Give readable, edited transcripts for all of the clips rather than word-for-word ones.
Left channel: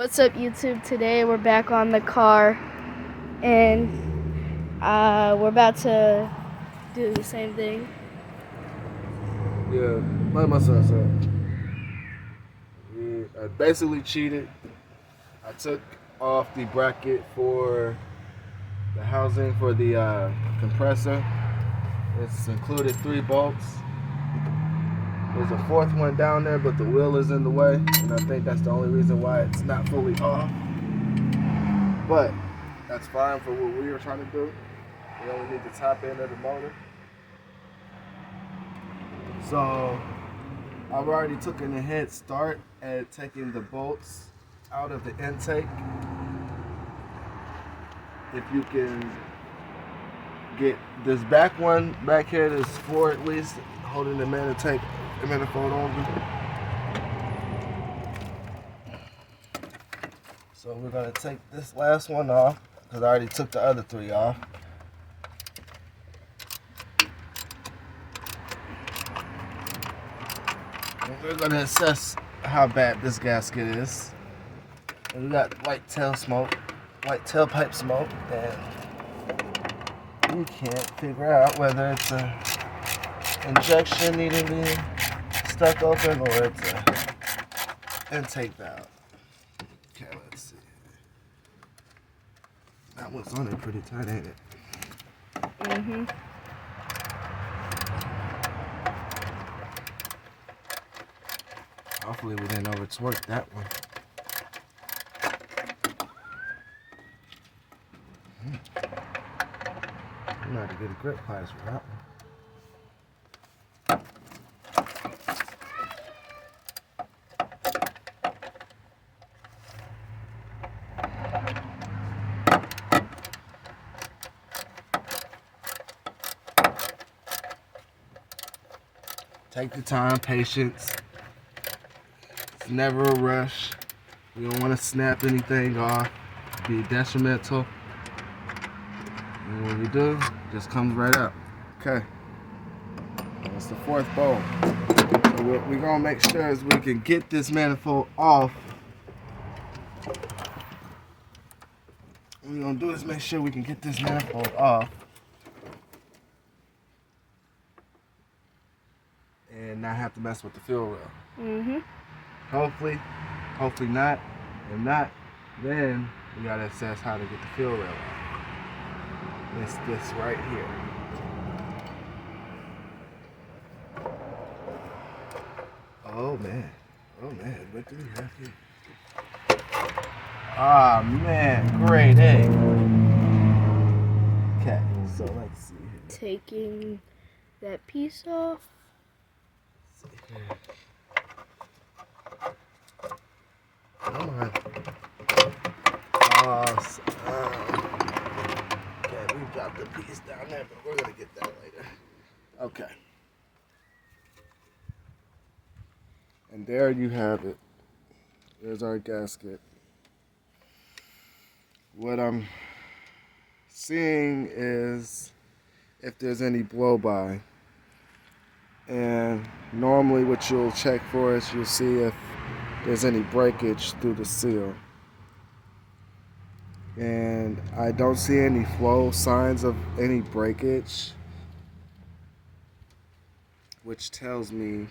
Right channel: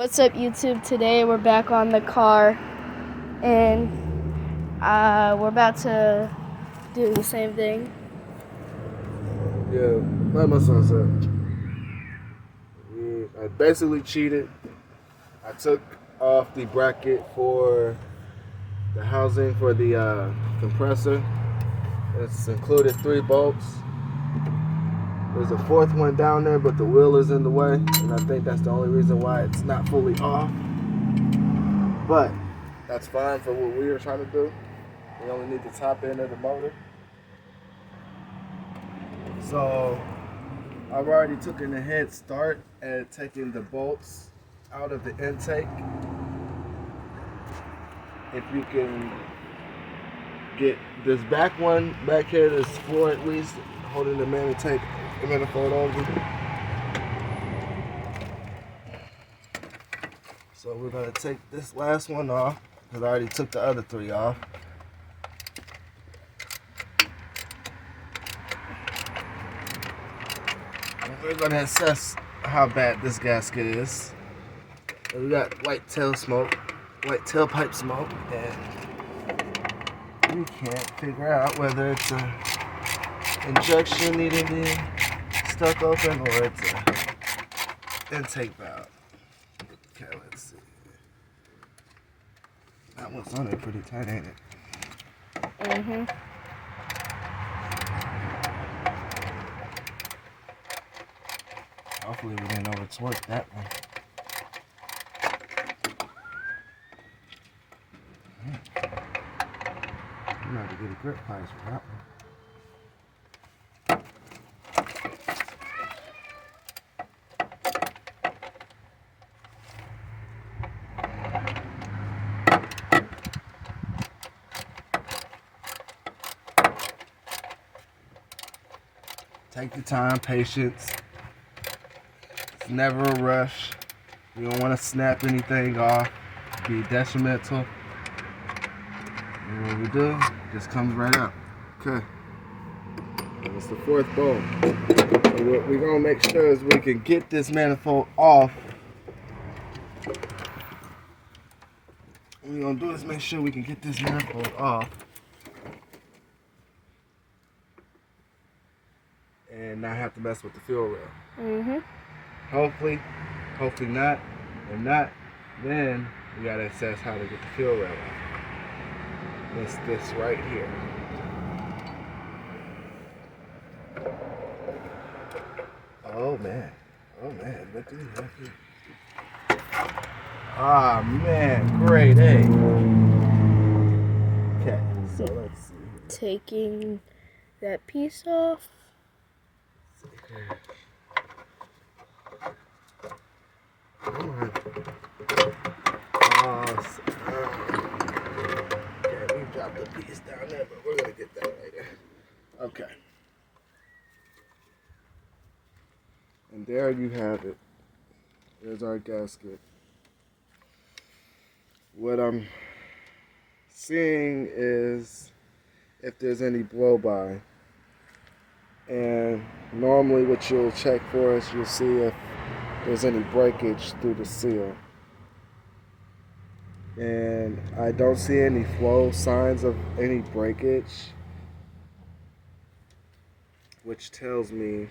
What's up, YouTube? Today we're back on the car, and we're about to do the same thing. Yeah, like my son said, I basically cheated. I took off the bracket for the housing for the compressor. It's included 3 bolts. There's a 4th one down there, but the wheel is in the way, and I think that's the only reason why it's not fully off. But that's fine for what we were trying to do. We only need the top end of the motor. So I've already taken a head start at taking the bolts out of the intake. If you can get this back one back here, this 4 at least, holding the manifold over. So we're gonna take this last one off because I already took the other 3 off. And we're gonna assess how bad this gasket is. And we got white tailpipe smoke, and we can't figure out whether it's a injection needing to be stuck open or it's a intake valve. Okay, let's see. That one's on it pretty tight, ain't it? Mm-hmm. Hopefully we didn't over torque that one. I'm not to get a grip pliers for that one. Take your time, patience. It's never a rush. You don't want to snap anything off, be detrimental. And when you do, it just comes right up. Okay. It's the 4th bolt. We're going to make sure as we can get this manifold off. What we're going to do is make sure we can get this manifold off. And not have to mess with the fuel rail. Mm-hmm. Hopefully not. If not, then we gotta assess how to get the fuel rail. It's this right here. Oh man, look at it. Ah man, great, eh? Okay, so let's see here. Taking that piece off. Alright. Okay, we dropped the piece down there, but we're gonna get that later. Okay. And there you have it. There's our gasket. What I'm seeing is if there's any blow-by. And normally what you'll check for is you'll see if there's any breakage through the seal. And I don't see any flow signs of any breakage, which tells me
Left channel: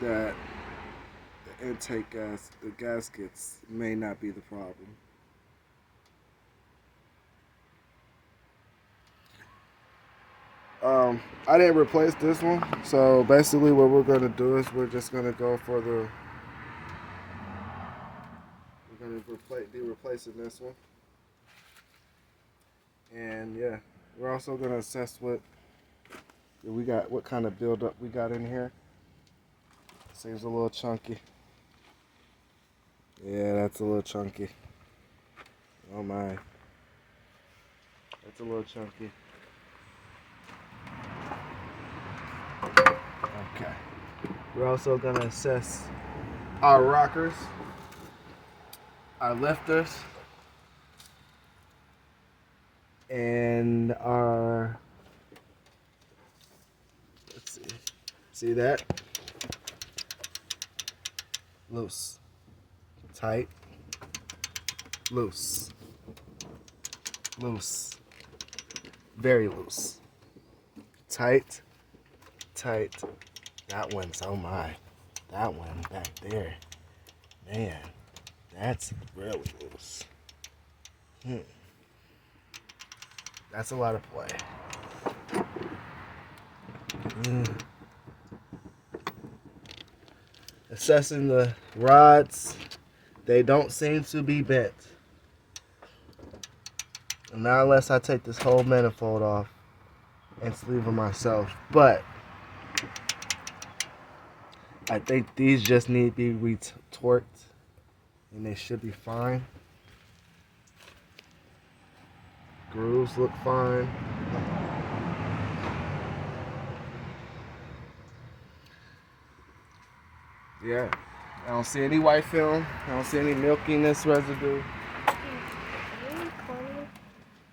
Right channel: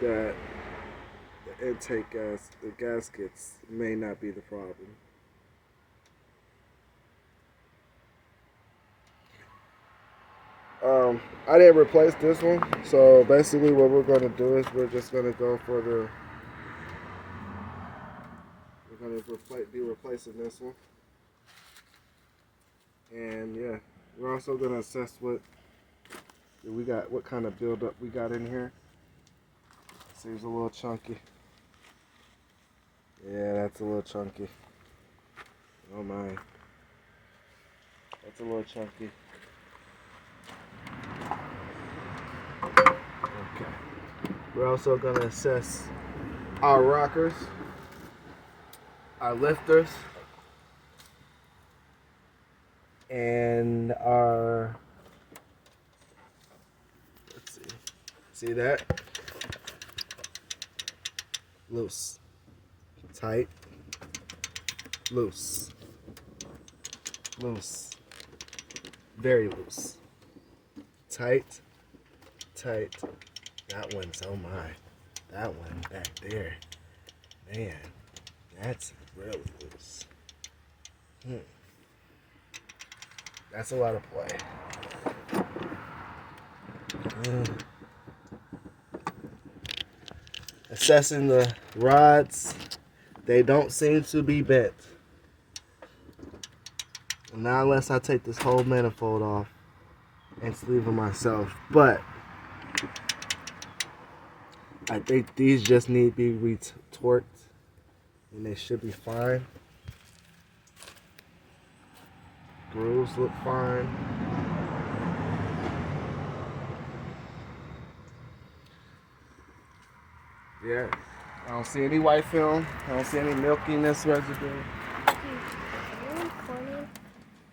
that the intake the gaskets may not be the problem. I didn't replace this one, so basically what we're gonna do is we're just gonna go for the. We're gonna be replacing this one, and yeah, we're also gonna assess what kind of buildup we got in here. Seems a little chunky. Yeah, that's a little chunky. Oh my, that's a little chunky. Okay. We're also going to assess our rockers, our lifters, and our, let's see that? Loose. Tight. Loose. Loose. Very loose. Tight. Tight. That one's, oh my. That one back there. Man, that's really loose. That's a lot of play. Assessing the rods, they don't seem to be bent. And not unless I take this whole manifold off and sleeve them myself. But I think these just need to be retorqued and they should be fine. Grooves look fine. Yeah, I don't see any white film. I don't see any milkiness residue.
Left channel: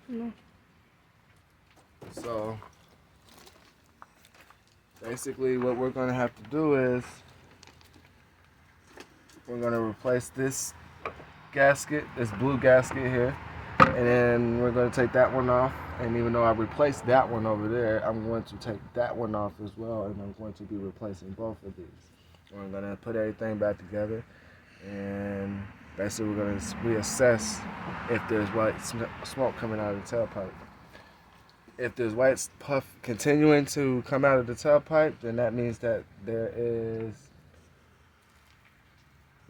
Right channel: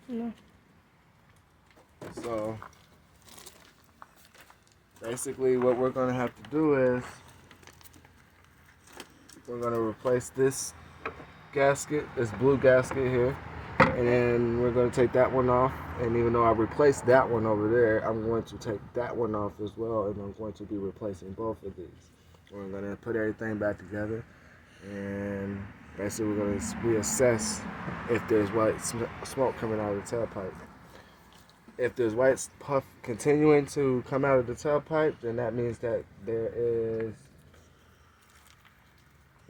No. So basically what we're going to have to do is we're going to replace this gasket, this blue gasket here, and then we're going to take that one off. And even though I replaced that one over there, I'm going to take that one off as well, and I'm going to be replacing both of these. We're going to put everything back together, and basically we're going to reassess if there's white smoke coming out of the tailpipe. If there's white puff continuing to come out of the tailpipe, then that means that there is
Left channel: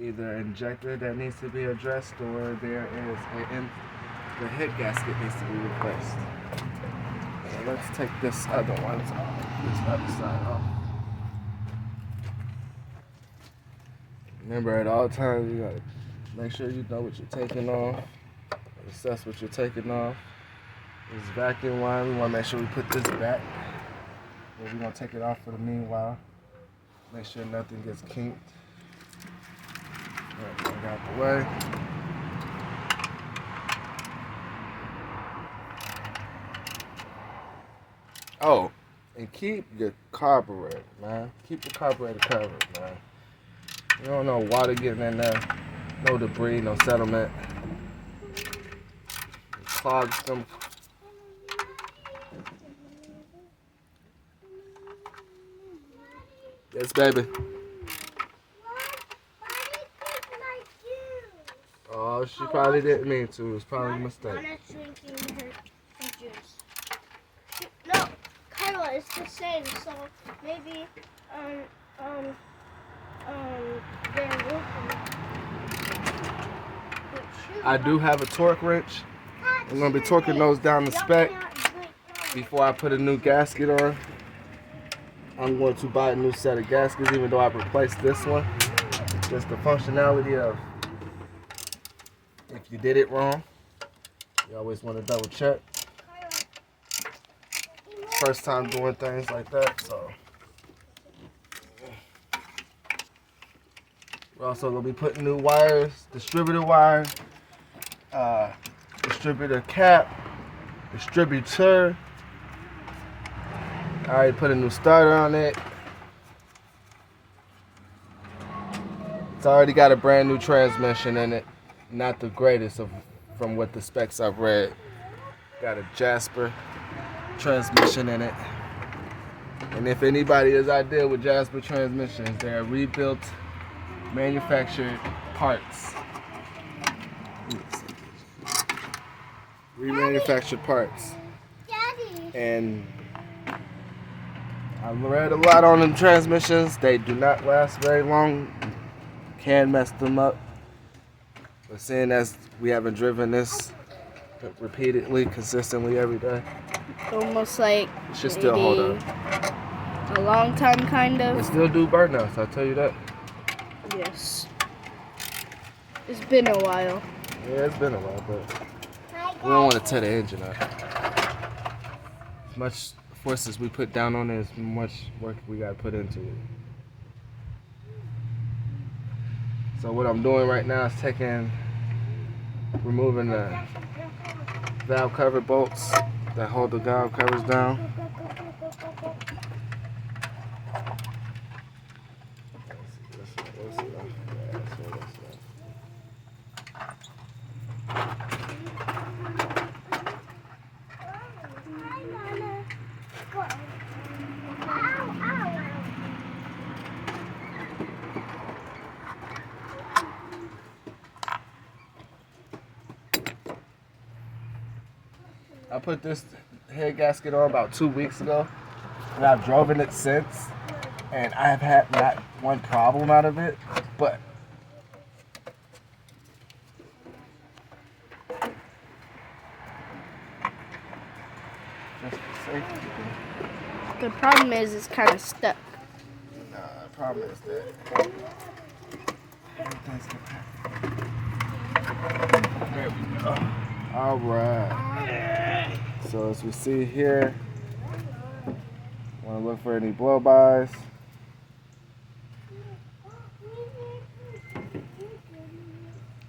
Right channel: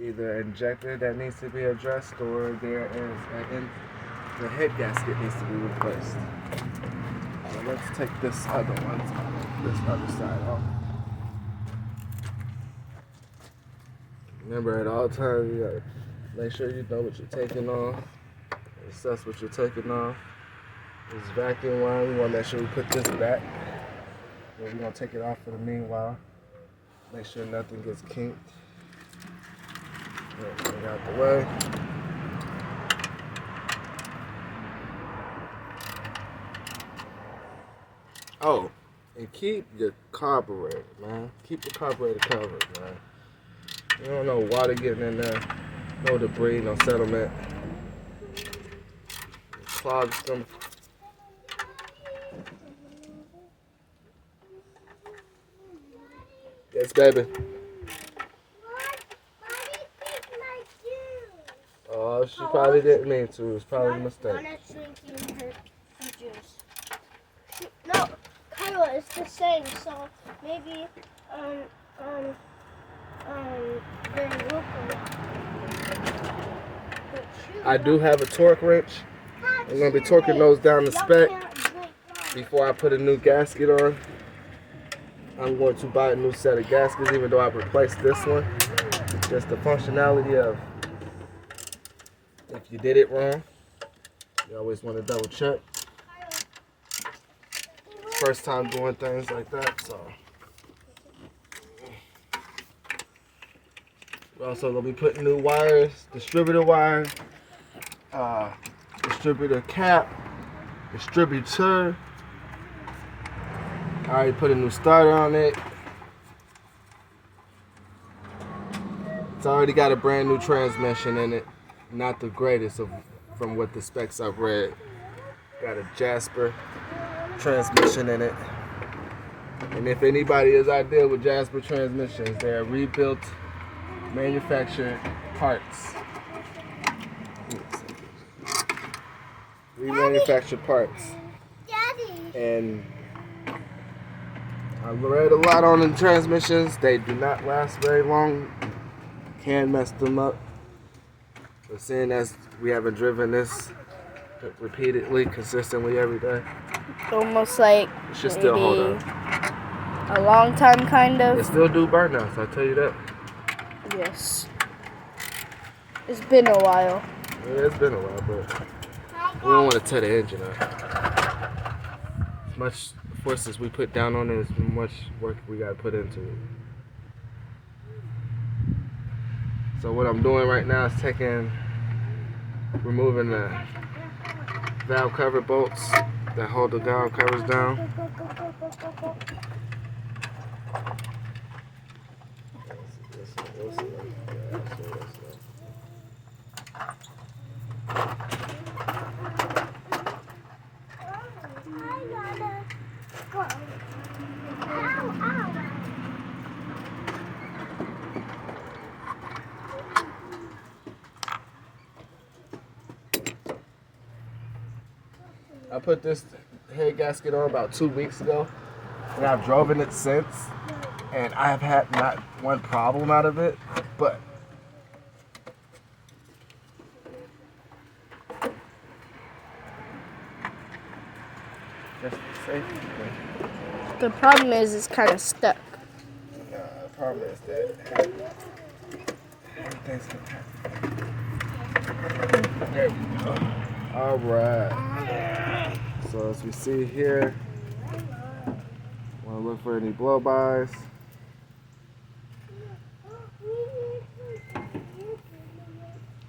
either an injector that needs to be addressed, or there is the head gasket needs to be replaced. Let's take this other side off. Remember, at all times, you gotta make sure you know what you're taking off, assess what you're taking off. This vacuum line, we want to make sure we put this back. We're going to take it off for the meanwhile. Make sure nothing gets kinked. Get it out the way. Oh, and keep your carburetor, man. Keep the carburetor covered, man. You don't know water getting in there, no debris, no settlement. Clogs them. Yes, baby. Oh, she probably didn't mean to. It's probably a mistake. Drinking her juice. No, Kyla, it's the same. So maybe they're local. I do have a torque wrench. I'm gonna be torquing those down to spec before I put a new gasket on. I'm going to buy a new set of gaskets, even though I've replaced this one. Just the functionality of if you did it wrong, you always want to double check. First time doing things like that, so. We're also going to be putting new wires, distributor wires, distributor cap, distributor. I already put a new starter on it. It's already got a brand new transmission in it. Not the greatest from what the specs I've read. Got a Jasper transmission in it. And if anybody is out there with Jasper transmissions, they are rebuilt, manufactured parts. Remanufactured parts. And I've read a lot on them transmissions. They do not last very long. Can mess them up. But seeing as we haven't driven this repeatedly, consistently every day, almost like it should still hold up. A long time, kind of. It still do burnouts, I'll tell you that. Yes. It's been a while. Yeah, it's been a while, but we don't want to tear the engine up. As much forces we put down on it, as much work we got to put into it. So what I'm doing right now is removing the valve cover bolts that hold the valve covers down. I put this head gasket on about 2 weeks ago, and I've driven it since, and I have had not one problem out of it, but just for safety. The problem is it's kind of stuck. Nah, the problem is that everything's compact. There we go. All right. So as we see here, want to look for any blow-bys.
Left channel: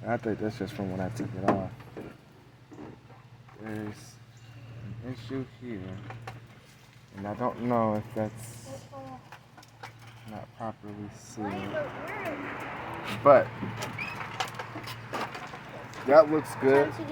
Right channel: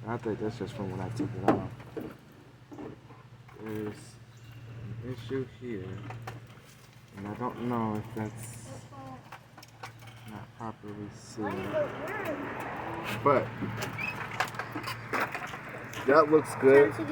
I think that's just from when I took it off. There's an issue here, and I don't know if that's not properly sealed, but that looks good.